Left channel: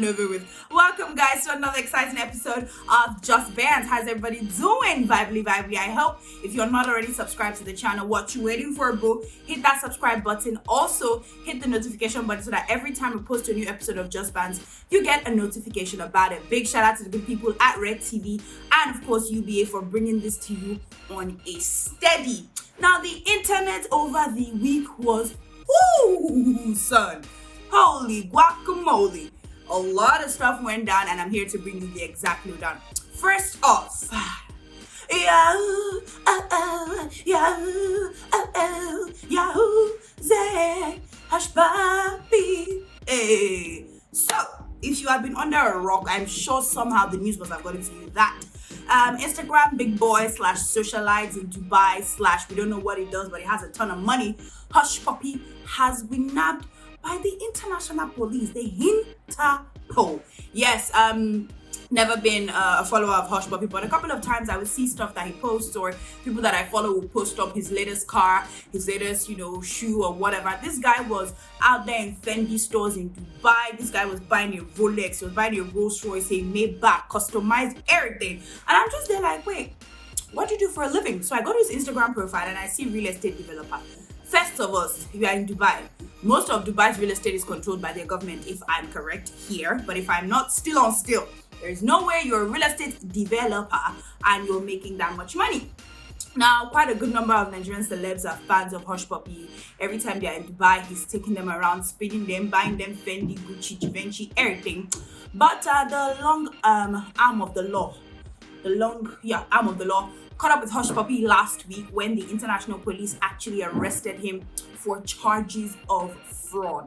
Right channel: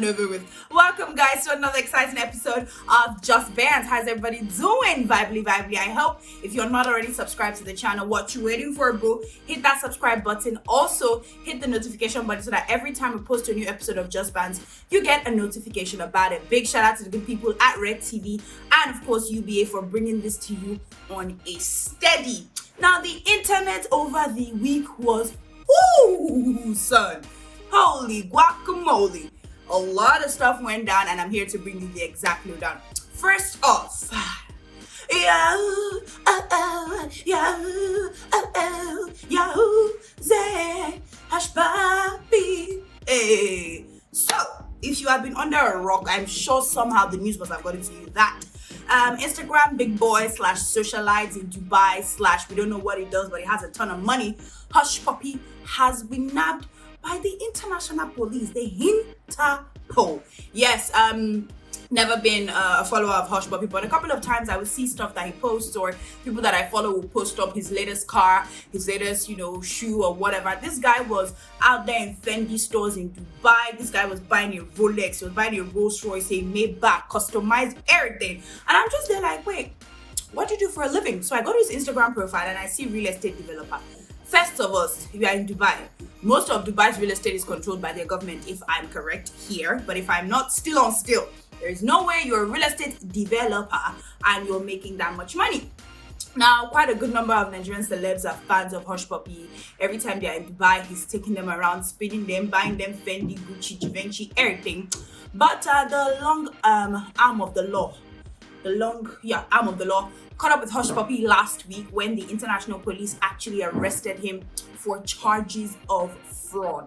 and over with. Welcome, guys, to another exciting episode of Just Bants. How's everybody doing? Vibely. I hope if you're not already subscribed to the channel, what you waiting for, bro? Hit that subscribe button. Also, hit the notification button so that every time we post a new episode of Just Bants, you get a notification about it. Big shout out to the good people at Redtv and, of course, UBA for bringing this to you on a steady. Now, the internet over the week was, whoo, son. Holy guacamole. A lot of stuff went down, and I'm here to bring you the exact lowdown. First off, Hey. So, if you have been under a rock, I'm sure somehow the news must have gotten to you that Instagram big boy / socialites in Dubai / we don't know what it does, but it has a ton of money. Hush Puppy has been nabbed by the international police, the Interpol. Yes, never been a follower of Hush Puppy, but a couple of times I would see stuff that he posts, or people that I follow will post up his latest car, his latest, shoe or whatever. This guy was out there in Fendi stores in Dubai. This guy was buying a Rolex, he was buying a Rolls Royce, a Maybach, customized everything. And I'm just there like, wait, what do you do for a living? So I go to his Instagram profile and I see real estate developer. First of all, we are in Dubai. Most of Dubai's real estate is controlled by their government, if I'm correct here. But if I'm not, still. There's no way you're a real estate developer and you're making that much money. Now, quite a good number of Nigerian celebs are fans of Hush Puppy. Every time they're in Dubai, he's taking them around, spinning them, buying them Fendi, Gucci, Givenchy, everything. But the long arm of the law caught up with Hush Puppy last week when the international police actually arrested him for charges of fraud.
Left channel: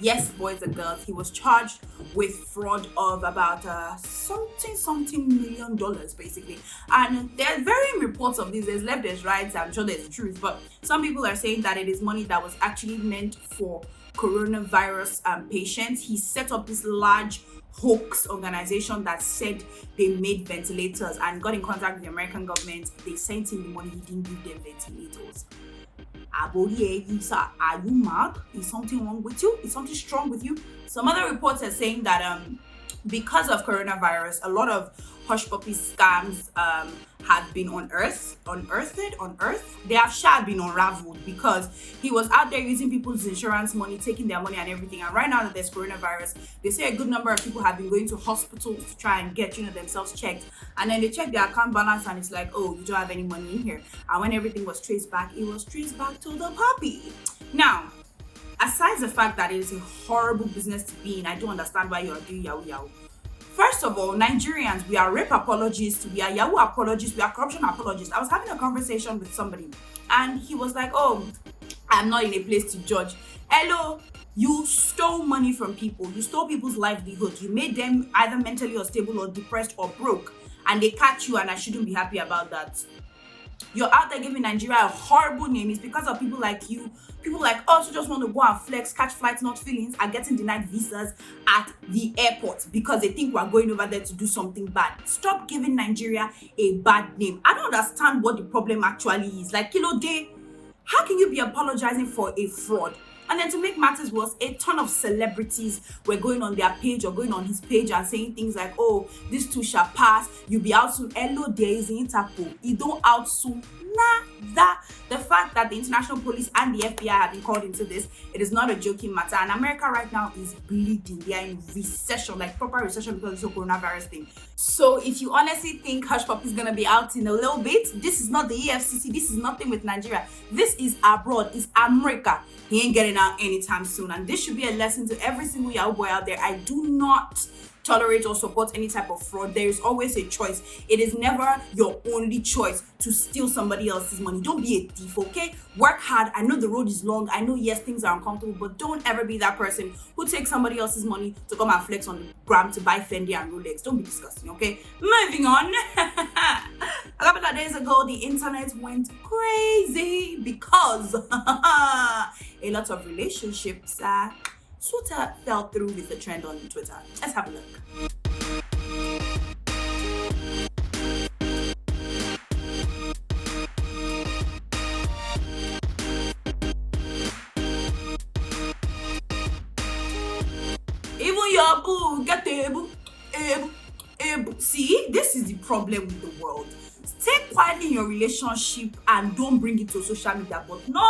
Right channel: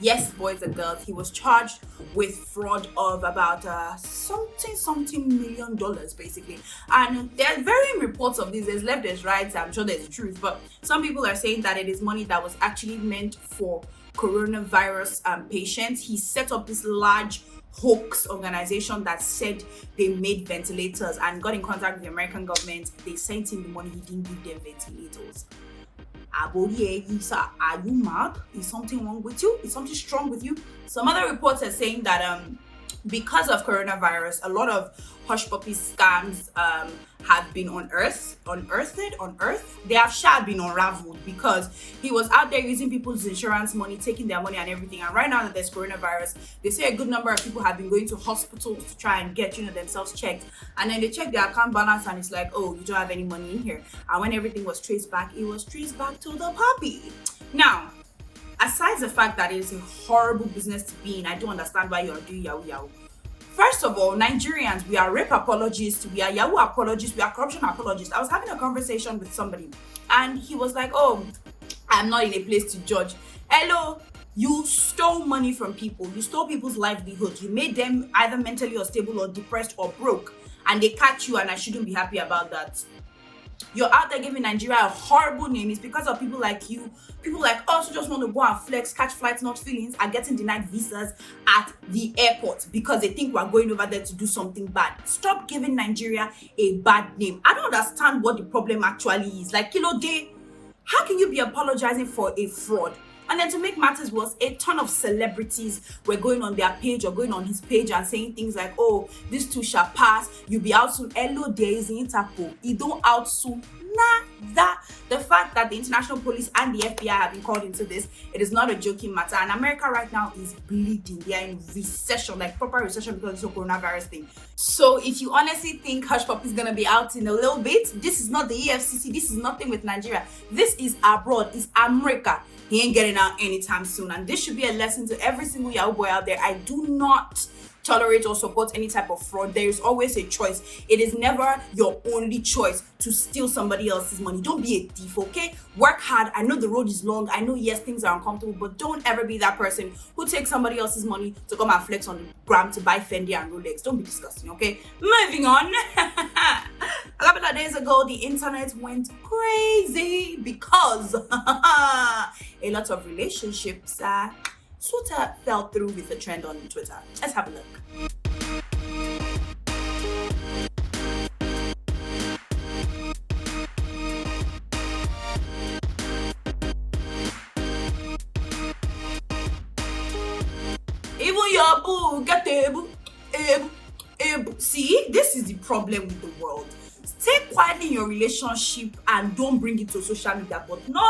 Yes, boys and girls, he was charged with fraud of about something $1 million, basically. And there are varying reports of this. There's left, there's right. I'm sure there's truth, but some people are saying that it is money that was actually meant for coronavirus patients. He set up this large hoax organization that said they made ventilators and got in contact with the American government. They sent him the money, he didn't give them ventilators. Are you mad? Is something wrong with you? Is something strong with you? Some other reports are saying that because of coronavirus, a lot of Hush Puppy scams have been unearthed. They have been unraveled because he was out there using people's insurance money, taking their money and everything. And right now that there's coronavirus, they say a good number of people have been going to hospitals to try and get themselves checked. And then they check their account balance and it's like, oh, you don't have any money in here. And when everything was traced back, it was traced back to the puppy. Now, aside the fact that it is a horrible business to be in, I don't understand why you are doing yahoo. First of all, Nigerians, we are rape apologists, we are Yahoo apologists, we are corruption apologists. I was having a conversation with somebody and he was like, oh, I'm not in a place to judge. Hello, you stole money from people. You stole people's livelihoods. You made them either mentally unstable or depressed or broke. And they catch you, and I shouldn't be happy about that. You're out there giving Nigeria a horrible name. It's because of people like you. People like us who just want to go and flex, catch flights, not feelings, are getting denied visas at the airport because they think we're going over there to do something bad. Stop giving Nigeria a bad name. I don't understand what the problem actually is. Like, Kilo Day, how can you be apologizing for a fraud? And then to make matters worse, a ton of celebrities were going on their page or going on his page and saying things like, oh, this too shall pass, you'll be out soon. Hello, there is Interpol. You don't out soon. The fact that the international police and the FBI have been called into this, it is not a joking matter. And America right now is bleeding. They are in recession, like proper recession because of the coronavirus thing. So if you honestly think Hush Puppy is going to be out in a little bit, this is not the EFCC. This is nothing with Nigeria. This is abroad. It's America. He ain't getting out anytime soon. And this should be a lesson to every single Yahoo boy out there. I do not tolerate or support any type of fraud. There is always a choice. It is never your only choice to steal somebody else's money. Don't be a thief, okay? Work hard. I know the road is long. I know, yes, things are uncomfortable, but don't ever be that person who takes somebody else's money to come and flex on the gram to buy Fendi and Rolex. Don't be disgusting, okay? Moving on. A couple of days ago, the internet went crazy because a lot of relationships sort of fell through with the trend on Twitter. Let's have a look. Even your boo, get able. See, this is the problem with the world. Stay quietly in your relationship and don't bring it to social media. But no,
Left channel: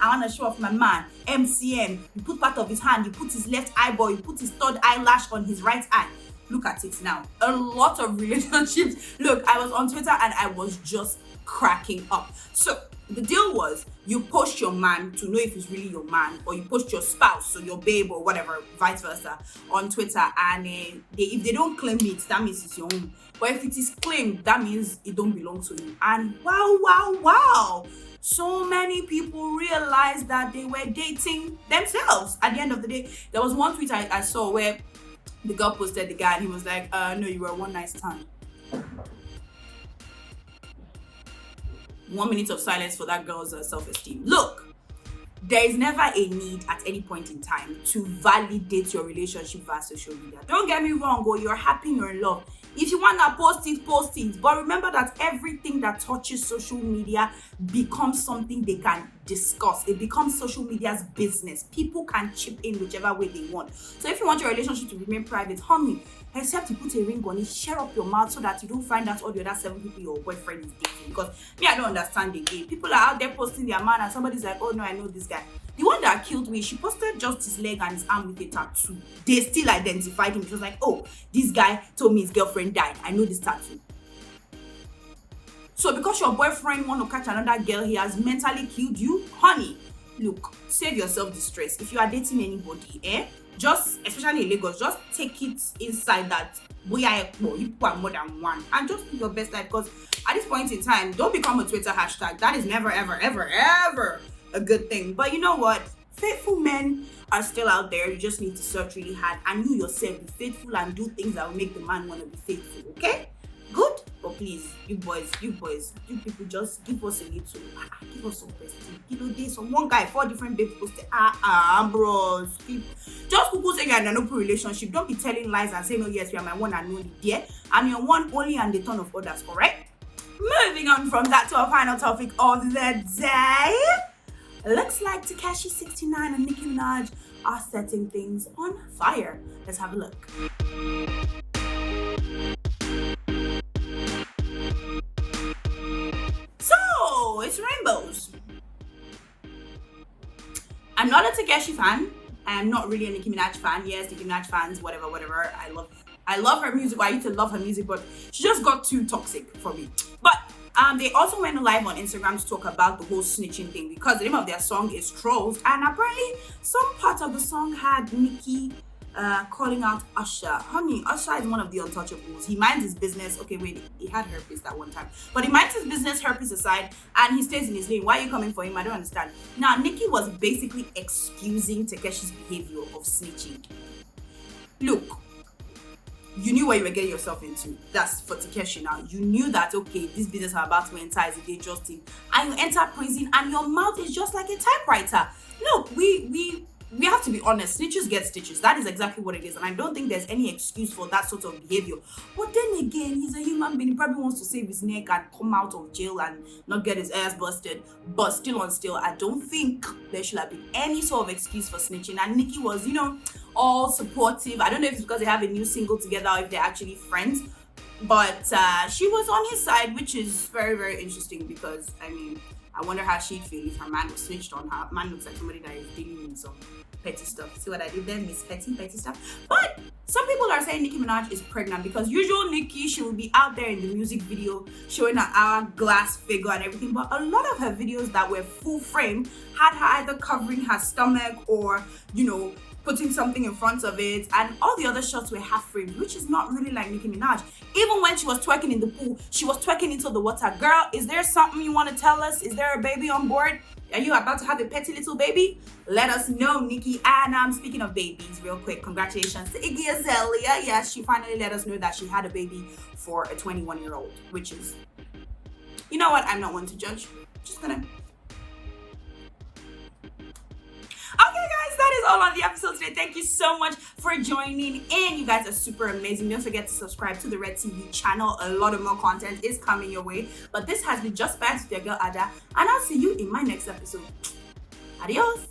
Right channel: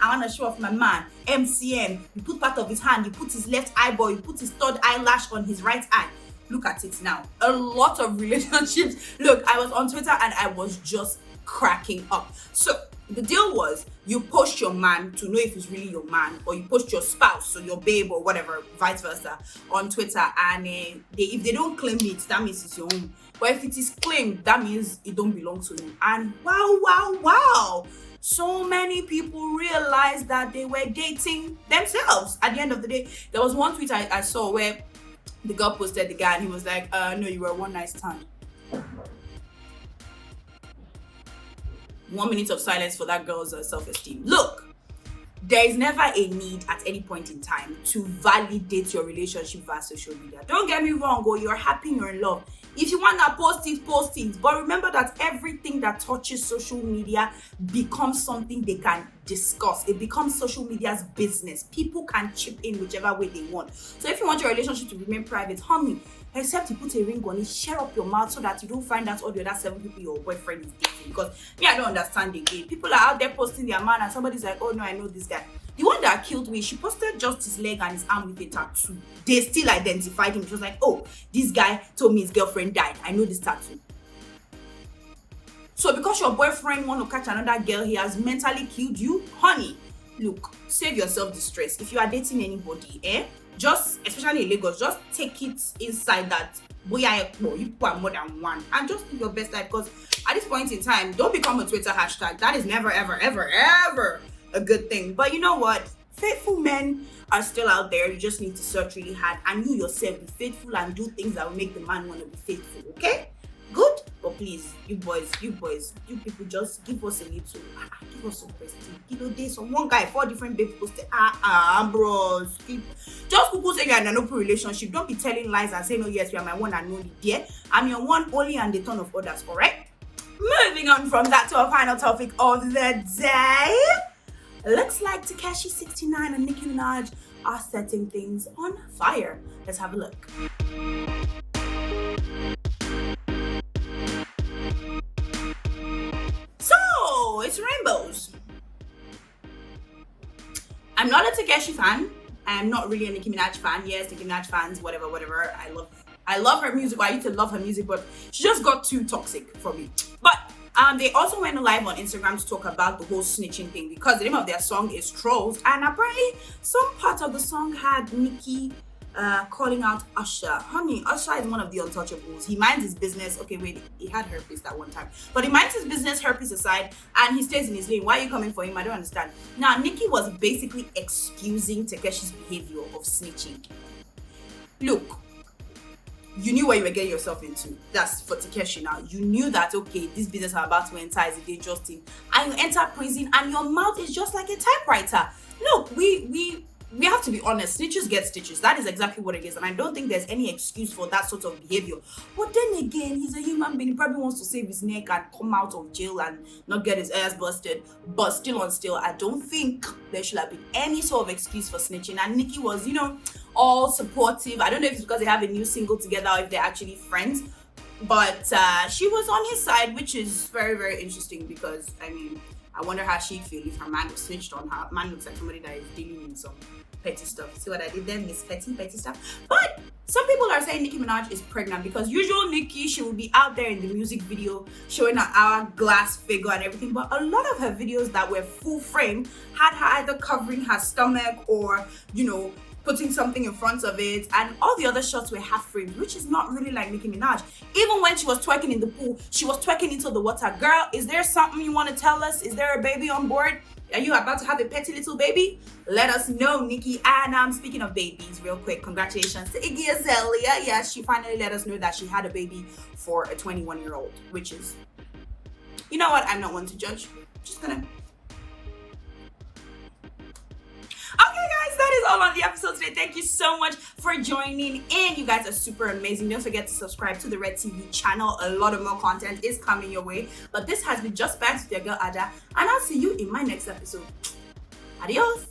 I want to show off my man, MCM. You put part of his hand, you put his left eyeball, you put his third eyelash on his right eye. Look at it now. A lot of relationships. Look, I was on Twitter and I was just cracking up. So the deal was, you post your man to know if he's really your man, or you post your spouse or your babe or whatever, vice versa, on Twitter, and if they don't claim it, that means it's your own. But if it is claimed, that means it don't belong to you. And wow, so many people realized that they were dating themselves. At the end of the day, there was one tweet I saw where the girl posted the guy and he was like, no, you were one night stand. 1 minute of silence for that girl's self-esteem. Look, there is never a need at any point in time to validate your relationship via social media. Don't get me wrong, you're happy, you're in love. If you want to post it. But remember that everything that touches social media becomes something they can discuss. It becomes social media's business. People can chip in whichever way they want. So if you want your relationship to remain private, honey, except you put a ring on it, share up your mouth so that you don't find out all the other 7 people your boyfriend is dating. Because me, I don't understand the game. People are out there posting their man and somebody's like, oh no, I know this guy. The one that killed me, she posted just his leg and his arm with a tattoo. They still identified him. It was like, oh, this guy told me his girlfriend died. I know this tattoo. So because your boyfriend want to catch another girl, he has mentally killed you? Honey, look, save yourself the stress. If you are dating anybody, just, especially in Lagos, just take it inside that you put more than one and just do your best life. Because at this point in time, don't become a Twitter hashtag. That is never, ever a good thing. But you know what? Faithful men are still out there. You just need to search really hard and you yourself be faithful and do things that will make the man want to be faithful. Okay? Good? But please, you boys, you people, just give us a little, give us some question. You know, there's one guy, 4 different babes posted, bros, people. Just people saying you're in an open relationship. Don't be telling lies and saying, oh yes, you are my one and only. Yeah? I'm your one only and the ton of others, correct? Moving on from that to our final topic of the day. Looks like Tekashi69 and Nicki Minaj are setting things on fire. Let's have a look. So, it's rainbows. I'm not a Tekashi fan. I'm not really a Nicki Minaj fan. Yes, Nicki Minaj fans, whatever. I love her music. I used to love her music, but she just got too toxic for me. But they also went live on Instagram to talk about the whole snitching thing, because the name of their song is Trolls, and apparently some part of the song had Nicki calling out Usher. Honey, Usher is one of the untouchables. He minds his business. Okay, wait, he had herpes that one time, but he minds his business, herpes aside, and he stays in his lane. Why are you coming for him? I don't understand. Now, Nicki was basically excusing Tekeshi's behavior of snitching. Look, you knew what you were getting yourself into. That's for Tekashi now. You knew that, okay, this business I'm about to enter is a dangerous thing. And you enter prison and your mouth is just like a typewriter. Look, we have to be honest. Snitches get stitches. That is exactly what it is. And I don't think there's any excuse for that sort of behavior. But then again, he's a human being. He probably wants to save his neck and come out of jail and not get his ass busted. But still, I don't think there should have been any sort of excuse for snitching. And Nicki was, all supportive. I don't know if it's because they have a new single together or if they're actually friends. But she was on his side, which is very, very interesting, because, I wonder how she'd feel if her man was snitched on her. Man looks like somebody that is dealing in some petty stuff. See what I did there? Miss petty stuff. But some people are saying Nicki Minaj is pregnant, because usual Nicki, she will be out there in the music video showing her hourglass figure and everything. But a lot of her videos that were full frame had her either covering her stomach or, putting something in front of it, and all the other shots were half framed, which is not really like Nicki Minaj. Even when she was twerking in the pool, she was twerking into the water. Girl, is there something you want to tell us? Is there a baby on board? Are you about to have a petty little baby? Let us know, Nicki. And speaking of babies, real quick, congratulations to Iggy Azalea. Yes, she finally let us know that she had a baby for a 21-year-old, which is, you know what? I'm not one to judge. Just gonna. Okay, guys, that is all on the episode today. Thank you so much for joining in. You guys are super amazing. Don't forget to subscribe to the Redtv channel. A lot of more content is coming your way. But this has been Just Bants with your girl Ada, and I'll see you in my next episode. Adios.